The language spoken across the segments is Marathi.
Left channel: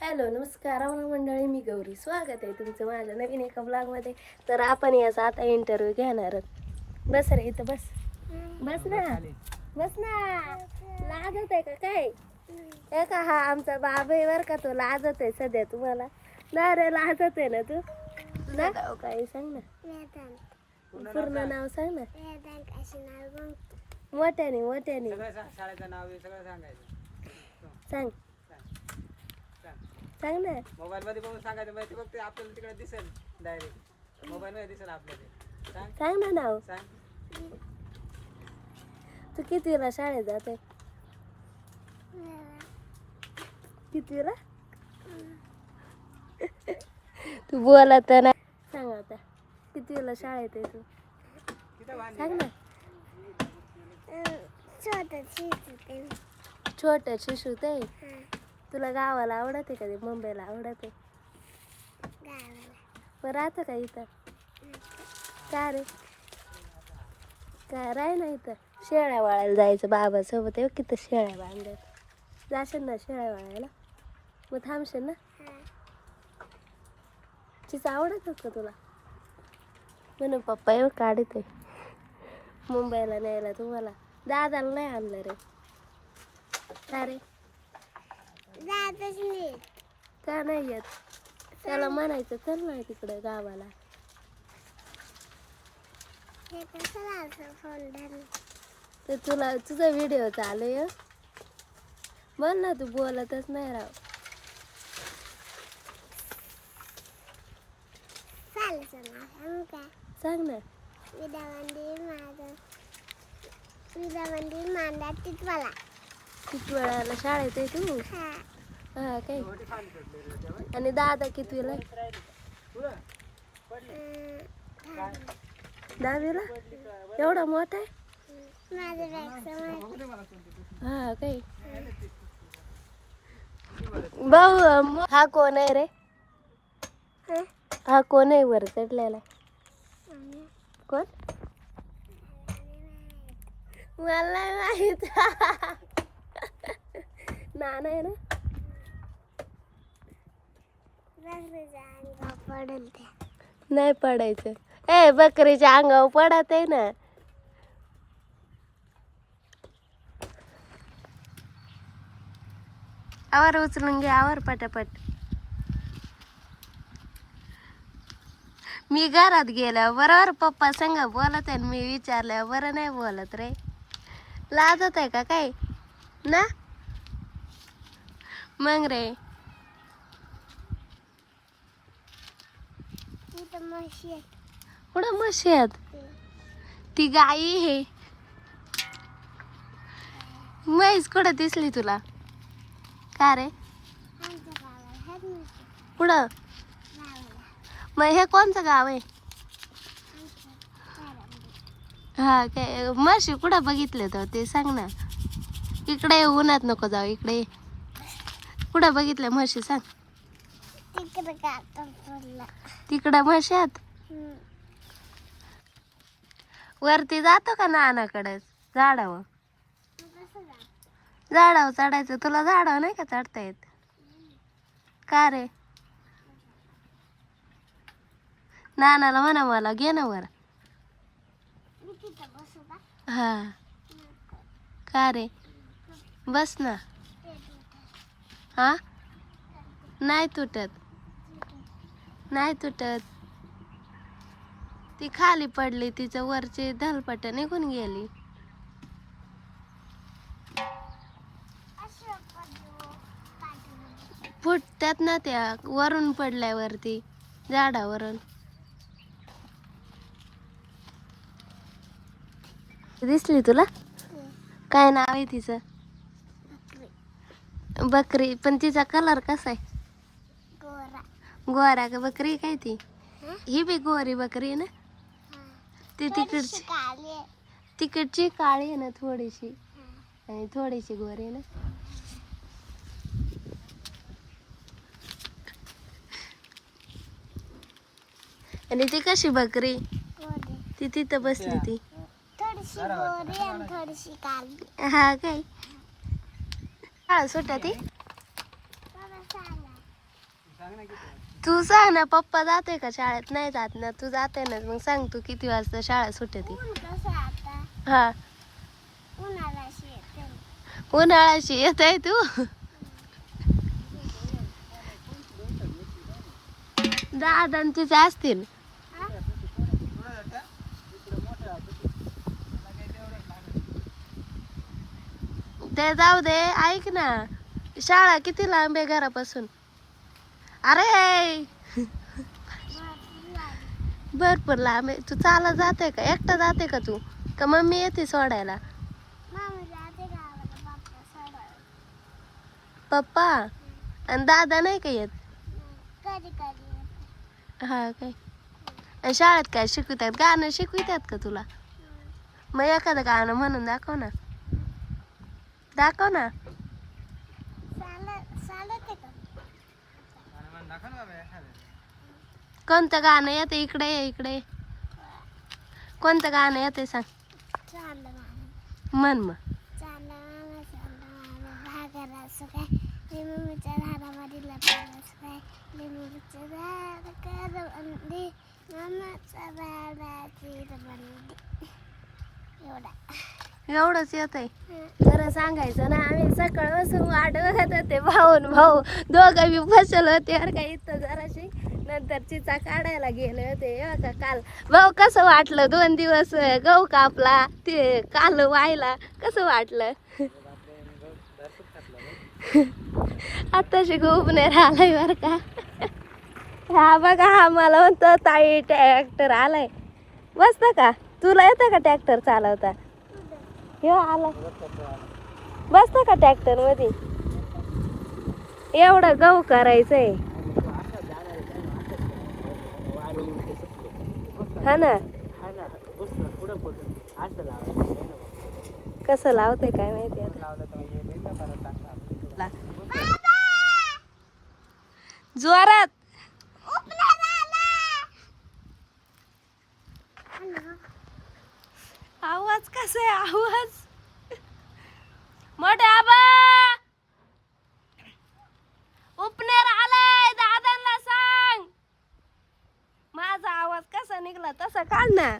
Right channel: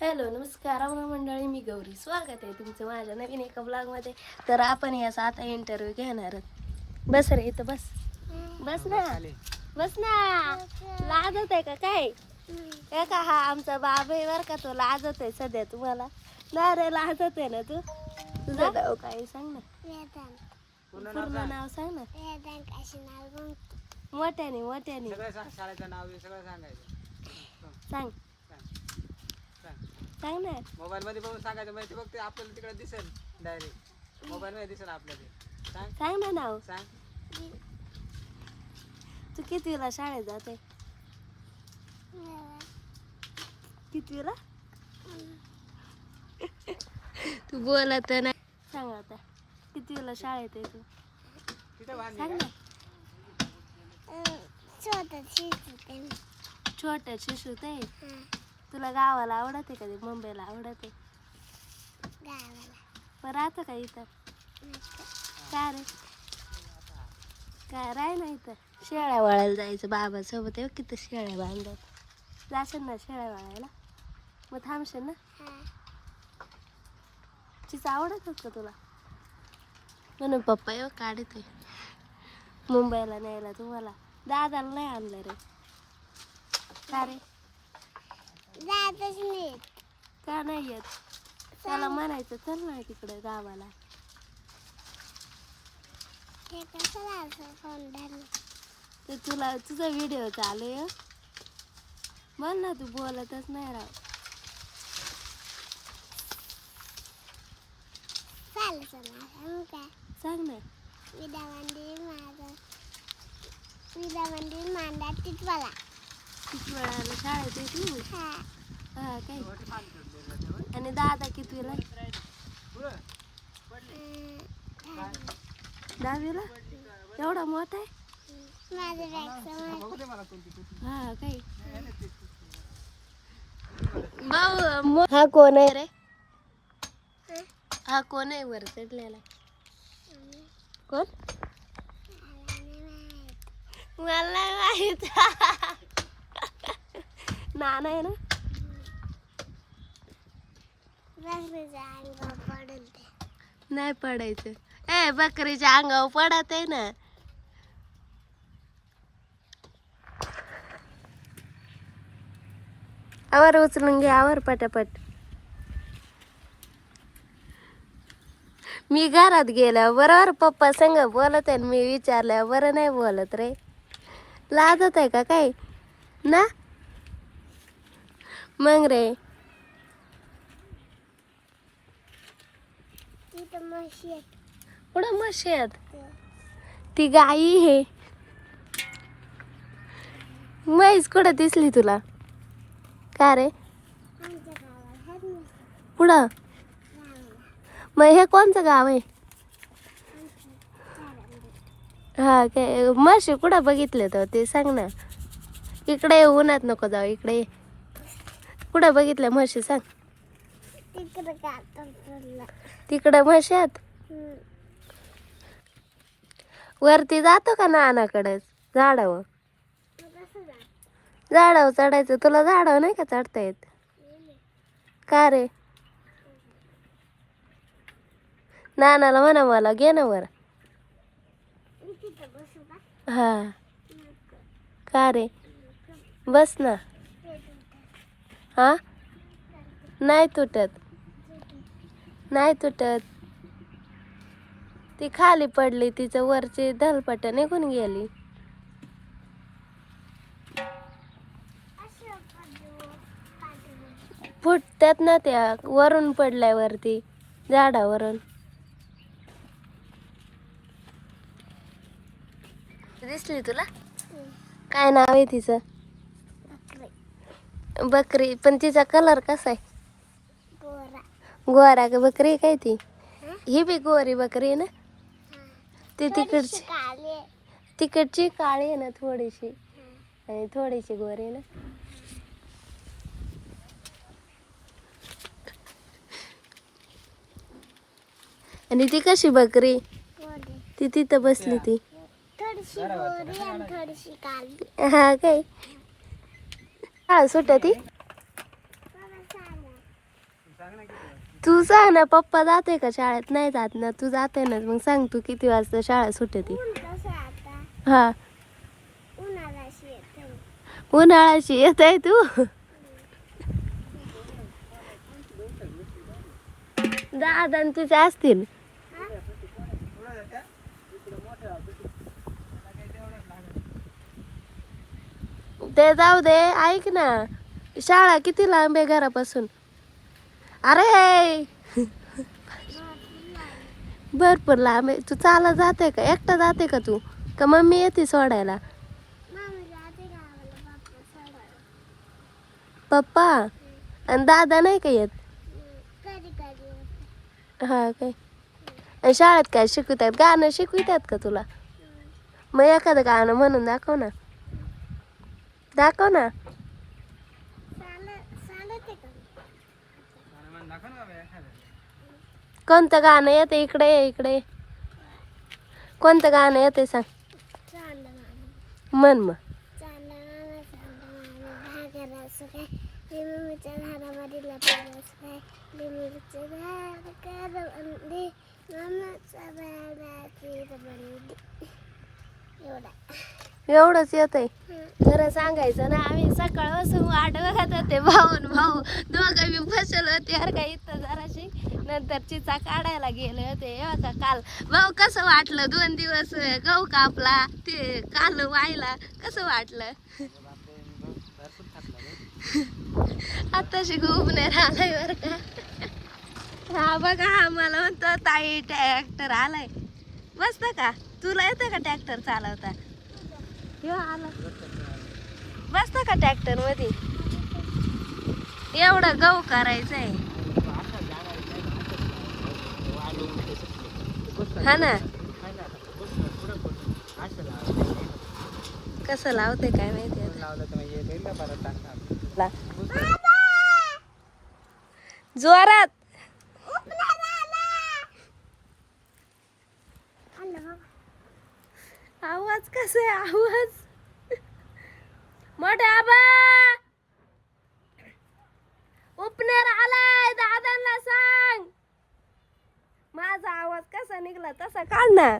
हॅलो नमस्कार मंडळी, मी गौरी. स्वागत आहे तुमचं माझ्या नवीन एका ब्लॉगमध्ये. तर आपण याचा आता इंटरव्ह्यू घेणार आहोत. बस रे इथं बस. बस ना, बस ना. लाजत आहे का काय? हे का हा आमचा बाबा आहे बरं का, तो लाजत आहे सध्या तुम्हाला. ना रे लाजत आहे ना तू. तुझं नाव काय सांग ना, पूर्ण नाव सांग ना. मोठ्याने मोठ्याने सांग, सांग ना. मोबाईल मध्ये बघून सांगायचं माहिती फक्त आपण तिकडे दिसेल डायरेक्ट मोबाईल मध्ये दिसेल आपल्याला. सांग ना नाव. सांग. तू कितवीला शाळेत जाते? कितवीला? तू बोलत नाही. सांग आता कितवीला शाळेत आहे तू? सांग ना. छोट्या शिशूत आहे. तुला गावाला आवडते का ते मुंबईला आवडते? पण राहतं का इथं? का रे काय राह ना इथं? शेळ्या वाळायला जायचं बाबासोबत आहे. किती शेळ्या बांधत जाशील ना शेळ्या वाळायला? मग थांबशील ना? चीच आवडत का तुला? म्हणून पप्पा येऊ काढत आहे मुंबईला न्यायला तुम्हाला. दादाला नाही आणलं रे. का रे? का नाही येत? त्याला म्हणायचं चल ना तिकडे गावाला. तर तुला तुझा व्हिडिओ चालू आहे. बोल ना, तू बोलतच नाही राव. सांग ना. किती वेळाला शाळेत आहे तू? हा काय? आणि दादा कितवीला? 10वीला. एवढा मोठा आहे? हा काय? भाऊ हा कोण आहे रे? हा कोण आहे वर चढलेला? कोण? मला माहित. नाना आहे ना? नाही पडायचं. ए बकरीच्या अंगावर पडत आहे ना. आवर उचलून घे, आवर पटापट. मी घरात गेल्या बरोबर पप्पा संग बोलत आहे. मी विचारल्या बरं नाही बोलत रे. लाजत आहे का काय ना? मग रे कुठं म्हशी आहेत? ती गाई हे. म्हैस कुठं दिसली तुला? का रे? कुठं? मग हे कोणचं गाव आहे? हा काय? म्हशी कुठं बघितले तर ते सांग ना. इकडे उन्हात नको जाऊ, इकडे कुठं बघितल्या म्हशी सांग. तिकडे म्हशी आहेत. वरती जातो का नानाकडेच झाडावर? झाडावर चढायचं. तुला झाडावर नाही का चढता येत? का रे? नानाला म्हणा मला घे ना वर. हा का रे? बस ना. हा नाही तुटत, नाही तुटत. ती खाली पडली, तिचं वरची धलपट निघून गेली. फुटतात ना त्या वरून पडल्यावरती झाडावरून. दिसली तुला? काय नाव आहे तिचं? बकरी. पण तिचा कलर कसा आहे? गोरा का बकरी काय ती? ही बी गोरी बकरी आहे ना? ती तिकडची तिकडची काळी आहे ना थोडीशी, आणि थोडीशी गोरी आहे ना. आणि ती कशी बकरी? ती तिथं बसली ती. हा काय? हा सुट ती. तू सांग ना, पप्पा जाते का शाळेत? नाही जात ना, तू जाते ना, मग सांग तू किती वाजता शाळा सुटते ती? हा, उन्हाळ्याशी येत आहे तू? दादा आणि तुझे असतील. ते जाऊ दे, ऐक ना, शाळा किती लांब आहे घरापासून? अरे भरपूर लांब आहे. तू चालत जाते का? एकटा जाते का तू? का मम्मी येते सोडायला? पप्पा आणि दादा नाही का येत? हा काय? आणि शाळेत काय शिकवतात? गाणं शिकवितात का तुला? मग एखादं गाणं म्हणून दाखव ना. दाखव ना. कोणतं गाणं येते? इकडे ये, इकडे ये. कोणतं गाणं येते सांग? म्हण मग. एवढंच येत आहे. खरं सांगायचं ना, आम्ही सकाळपासून वाट बघत होते. भाऊ दोघं बी फसलो होते अरे काय इथं जराशी. नंतर चिचा काढायला गेले होते का काल. भाऊ कसं वाटलं 2 दिवस गहू कापला ते काल व्हायला? कसं वाटलं? आताशी खूप नाही राहिलाय बर का. हा बघा, हा मला म्हणतो ताई ट्रॅक्टर आलाय. बसत का? तुला येतं का ट्रॅक्टर चालवता? हे आला. बसत का ट्रॅक्टर मध्ये? एवढं गहू करायचंय. हा ना. कसं लावते काय माहिती आता. जोरात. आवाज कसा आहे? आवाज मोठा आबा उपनेर आलाय, दादांना सांग. माझा आवाज कसा निघला तसा काढ ना.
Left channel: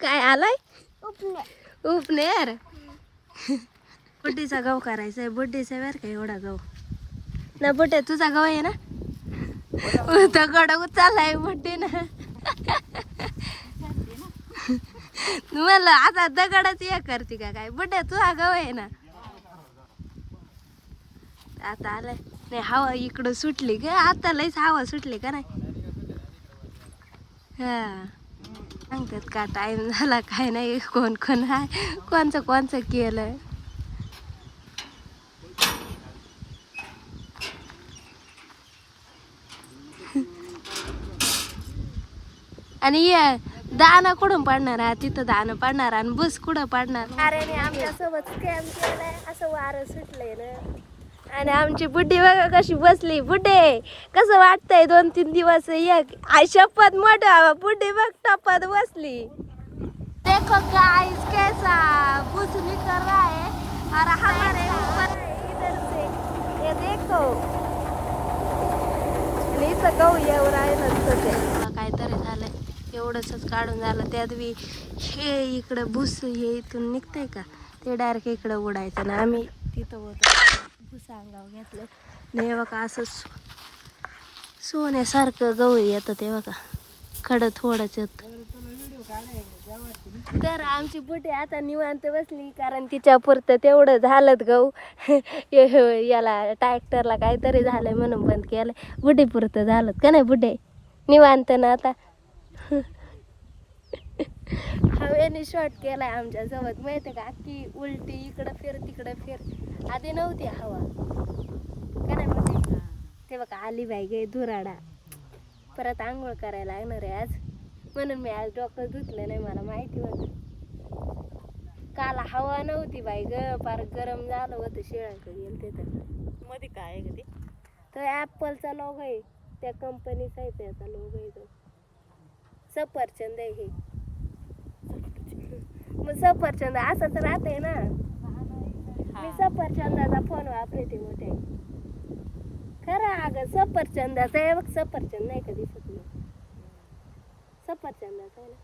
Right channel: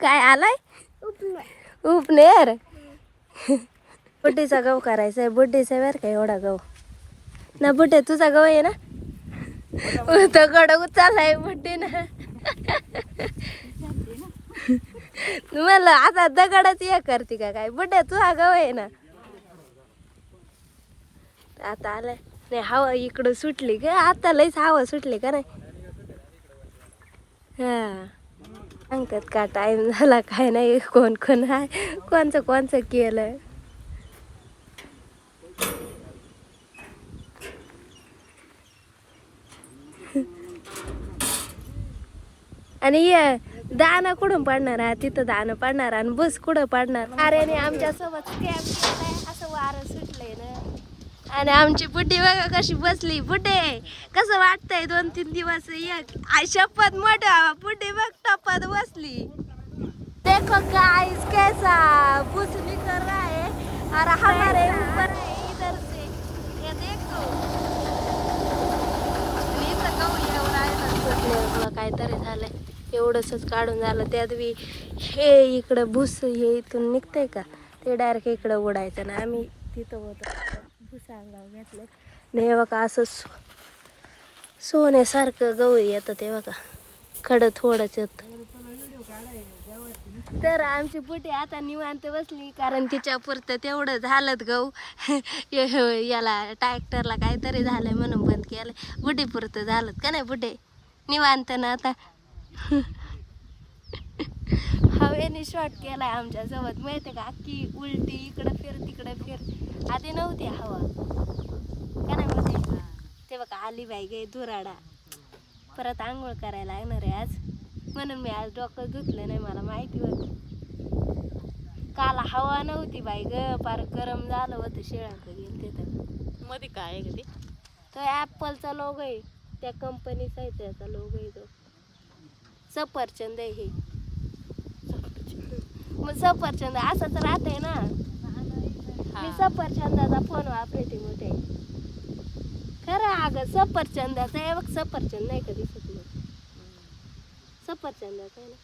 काय आलाय? उपनेर. बुड्डीचा गहू करायचा आहे. बुड्डीचा बर का एवढा गहू ना. बुड्डे तुझा गहू आहे ना? तो गड चाललाय बुड्डीनं. म्हणलं आता दगडच हे करते का काय? बुड्डे तुझा गहू आहे ना? आता आलाय. नाही हवा इकडं सुटली ग. आता लईच हवा सुटली का नाही? हा, सांगतात का टाइम झाला काय नाही. कोण कोण आहे, कोणचं केलं. आणि दाना कुठून पडणार आहे? तिथं दाना पडणार आणि बस कुठं पडणार? अरे आमच्या सोबत स्कॅम केलाय. असं वारं सुटलंय ना. आणि आमची बुड्डी बघा कशी बसली. बुड्डे कसं वाटतंय? 2-3 दिवस एक आई शपथ मोठा बुड्डी बघ टप्पात बसली. देखो गाइस कैसा बुस निकल रहा है और हमारे ऊपर इधर से ये देखो. आणि इथं गहू येऊ राहिलं काहीतरी झालंय. एवढंच काढून झालं. त्यात बी हे इकडं भुस हे इथून निघतंय का ते डायरेक्ट इकडं उडायचं ना. आम्ही तिथं होतो भुसा अंगावर घेतलं नाही बघा. असं सोन्यासारखं गहू येतं ते बघा. खडं थोडंच येत. तर आमची बुटी आता निवांत बसली कारण तिच्या पुरतं तेवढं झालं गहू. याला ट्रॅक्टरला काहीतरी झालंय म्हणून बंद केलं. बुटी पुरतं झालं का नाही? बुड्डे निवांत ना आता. हवेने शॉट केलाय आमच्या सोबत माहिती का? अख्खी उलटी इकडं फिर तिकडं फिर. आधी नव्हती हवा का नाही म्हणते. ते बघा आली बाई गे धुराडा. परत आंघोळ करायला लागणार आहे आज म्हणून मी आज डोकं धुतलं नाही. मला माहिती होतं काल हवा नव्हती बाई ग. फार गरम झालं होतं. शिळंक गेल तिथं मध्ये. काय आहे ते? तो ॲपलचा लोगो आहे. त्या कंपनीचा आहे त्याचा लोगो आहे तो. सफरचंद आहे हे. मग सफरचंद असंच राहतंय ना. मी सफरचंदाचा फोन वापरते मोठे. खरं अगं सफरचंदाचा आहे बघ, सफरचंद नाही का दिसत नाही, सफरचंदाचा आहे ना.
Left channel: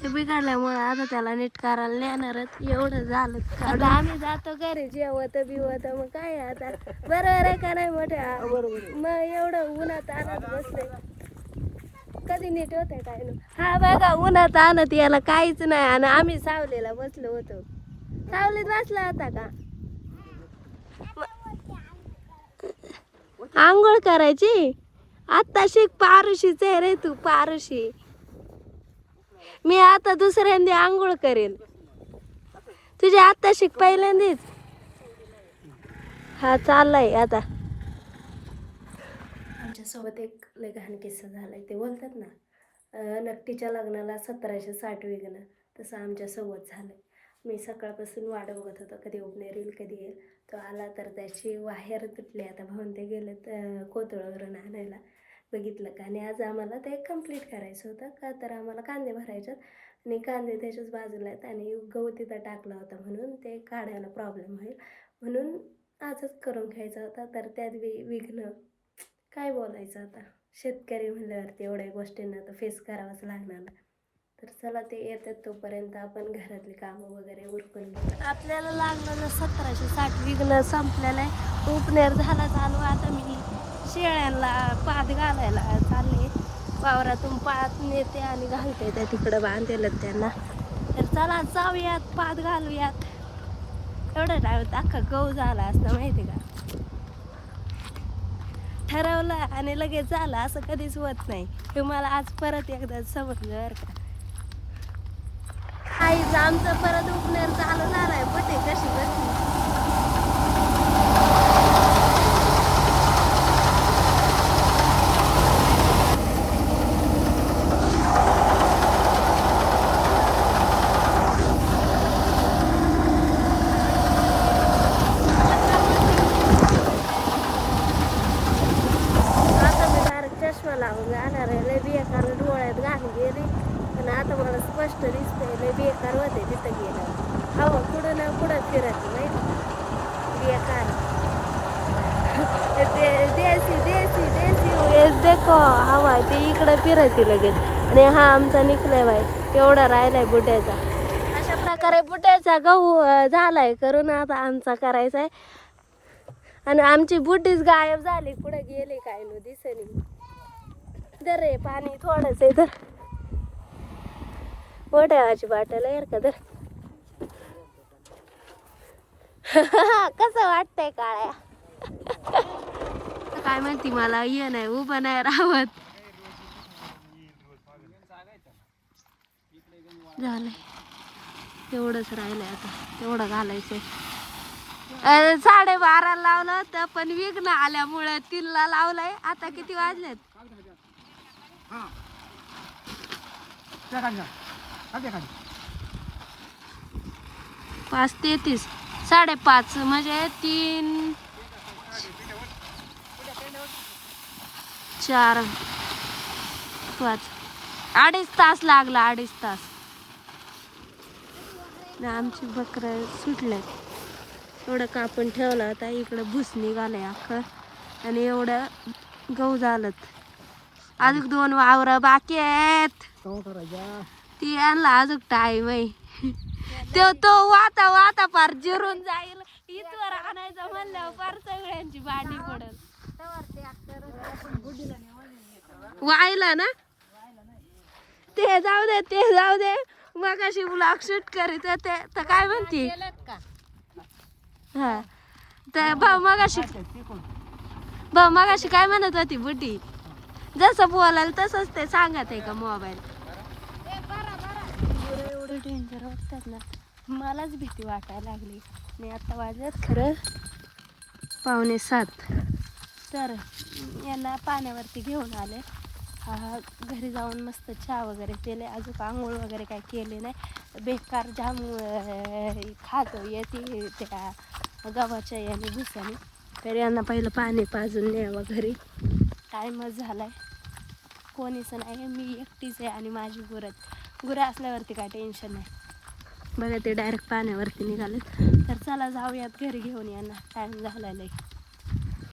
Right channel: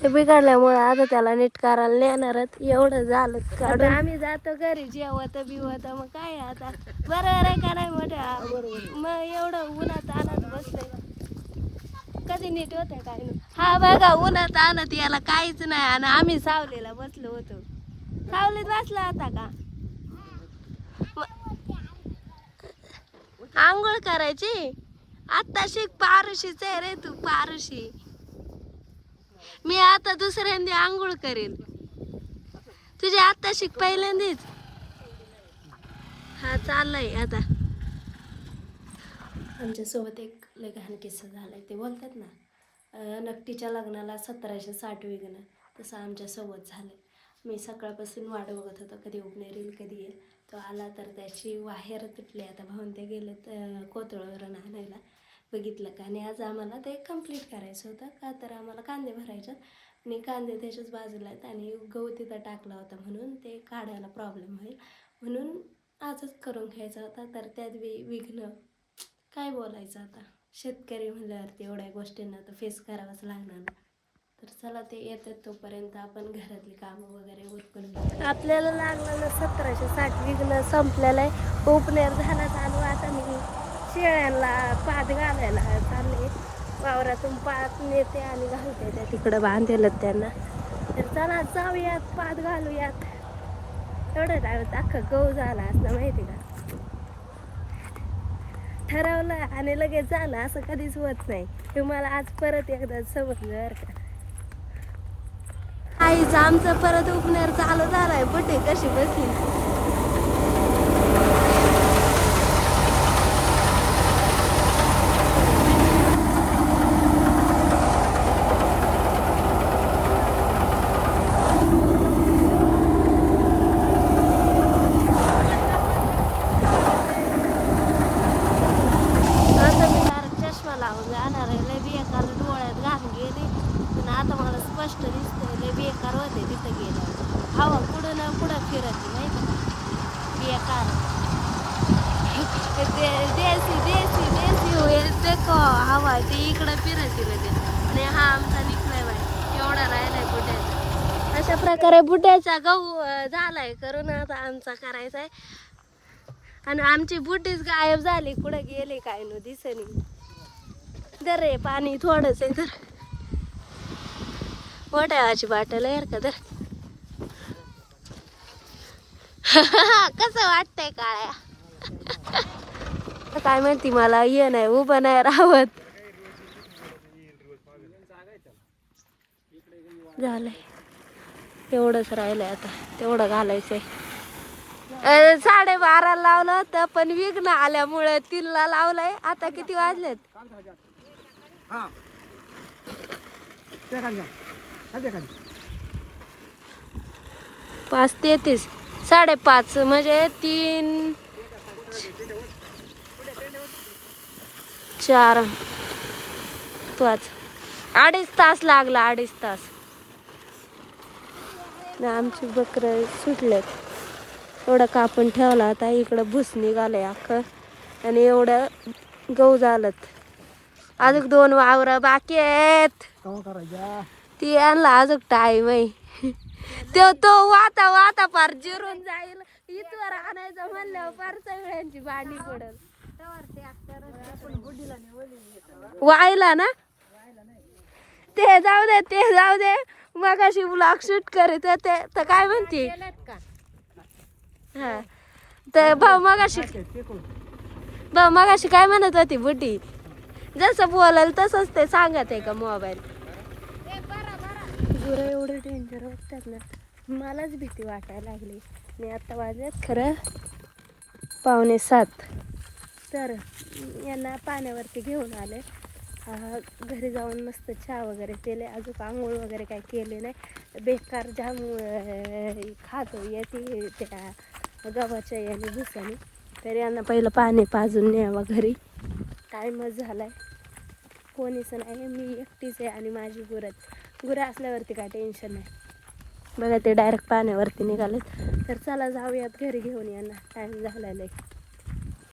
ते बिघडल्यामुळे आता त्याला नीट करायला नेणारच. एवढं झालं आता आम्ही जातो घरी जेवत बिवत, मग काय आता बरोबर आहे का नाही मोठ्या. मग एवढं उन्हात आणत बसले कधी नीट होत काय नाही. हा बघा उन्हात आणत याला काहीच नाही, आणि आम्ही सावलीला बसलो होतो. सावलीत बसला होता का? आंघोळ करायची आता शिक. पारुशीच आहे रे तू, पारुशी. मी आता दुसऱ्यांदा आंघोळ करेल, तुझ्या आता शिक पहिल्यांदाच. हा चाललाय आता. आमच्यासोबत एक लय घाण किस्सा झालाय. ते बोलतात ना नकटीच्या लग्नाला 1760 विघ्न, तसं आमच्यासोबत झालंय. मी सकाळपासून वाट बघत होतो कधी उगणार येईल, कधी येईल. तो आला तर त्याची वाहेर तुटली. आता भाऊन ते गेले तर कोथळवरून आणायला, बघितलं का. आणि आज आम्हाला ते कंप्लीट करायचं होतं का, तर आम्हाला कांदे भरायचे आणि कांदे त्याच्याच बाजूला आहेत आणि गहू तिथं टाकला होता, म्हणून ते काढायला प्रॉब्लेम होईल म्हणून आजच करून घ्यायचा होता. तर त्यात विघ्न काय बोलायचं आता. शेतकरी म्हणल्यावरती एवढ्या गोष्टींना तर फेस करावंच लागणार ना. तर चला ते येतात तोपर्यंत आपण घरातली कामं वगैरे उरकून घेऊ. आपल्याला लागलं ना 1760 विघ्न संपलेलं आहे. उपनेर झाला चालू. आता मी शेळ्यांना पात घालायला चालले. वावरातून पात नेते आणि घालते ते तिकडं बांधलेलं त्यांना. तर चला जाऊयात, पात घालूयात. एवढं टाइम अख्खा गहू झाला असतं माहिती का. ठरवलं आणि लगेच झालं असं कधीच होत नाही. तुम्हाला आज परत एकदा समजलं बरं का. आमचं परत उपनेर चालू झालाय. बटे कशी बसली. चष्मा लावून जाणार आहे. लय बेकार डोळ्यात घाण गेली, पण आता मला स्पष्ट दिसतंय लय बेकार होते तिथं गेलं. हवा कुठं ना कुठं फिरत माहिती बेकार. देसी देसी देसी देखो हवा ते इकडं फिरते लगेच. आणि हा आमचा निघलाय बाय, एवढा राहिलाय बुट्याचा. अशा प्रकारे बुट्याचा गहू झालाय करून. आता आमचा करायचा आहे. आणि आमची बुटीच गायब झाली, कुठं गेले काय न दिसनी. दर रे पाणी थोडंच आहे तर. मोठ्याची बाटल आहे का तर. कसं वाटतंय काळ्या. काय माहिती, मला ये नाही उभं नाही राहत. झालंय तेवढंच राहिलंय आता, तेवढं घालायचंय. 12:30 लावलं होतं, पण विघ्न आल्यामुळे 3ला लावलंय. आता किती वाजलेत? 5:33. 5:30 म्हणजे 3 4 5 2.5 तास लागला. 2.5 तास. आमची बकरं सुटलेत. एवढं कापून ठेवला आता. इकडं भुस निघालंय अख्खं आणि एवढं गहू झालं. अजून 2 वावर बाकी आहेत. ती आणला अजून टाइम आहे. तो वाता वाता पार जिरून जाईल. इथवर आणायचं म्हणल्यावर पार सगळ्यांची भांडी पडल. वायला ना ते जाऊ दे, ते जाऊ दे. मग अशी ब्लॉग शूट करीत होते तर काय म्हणते. हा तर भाऊ मगाशी काय म्हणत होती बुटी. जसं बोलाल तसंच ते सांगत आहे का मोबाईल. गुरं एवढे डेंजर वाटतात ना, मलाच भीती वाटायला लागली. मी आता वाजत खरं 6:45. तर यांना पाण्यावरती घेऊन आले. घरी जाऊन मस्त चहा वगैरे केले. अजून आंघोळ वगैरे काय केले नाही. बेकार जाम खातो येते त्या गव्हाच्या याने भुसाने. तर यांना पहिलं पाणी पाजून न्यावं घरी. टाईमच झालाय. कोणीच नाही, मी एकटीच आहे आणि माझी गुरं असल्यावरती काय टेन्शन नाही. बघा ते डायरेक्ट पाण्यावरती निघालेत. तर चला जाऊयात घरी घेऊन यांना, टाईम झालेला आहे.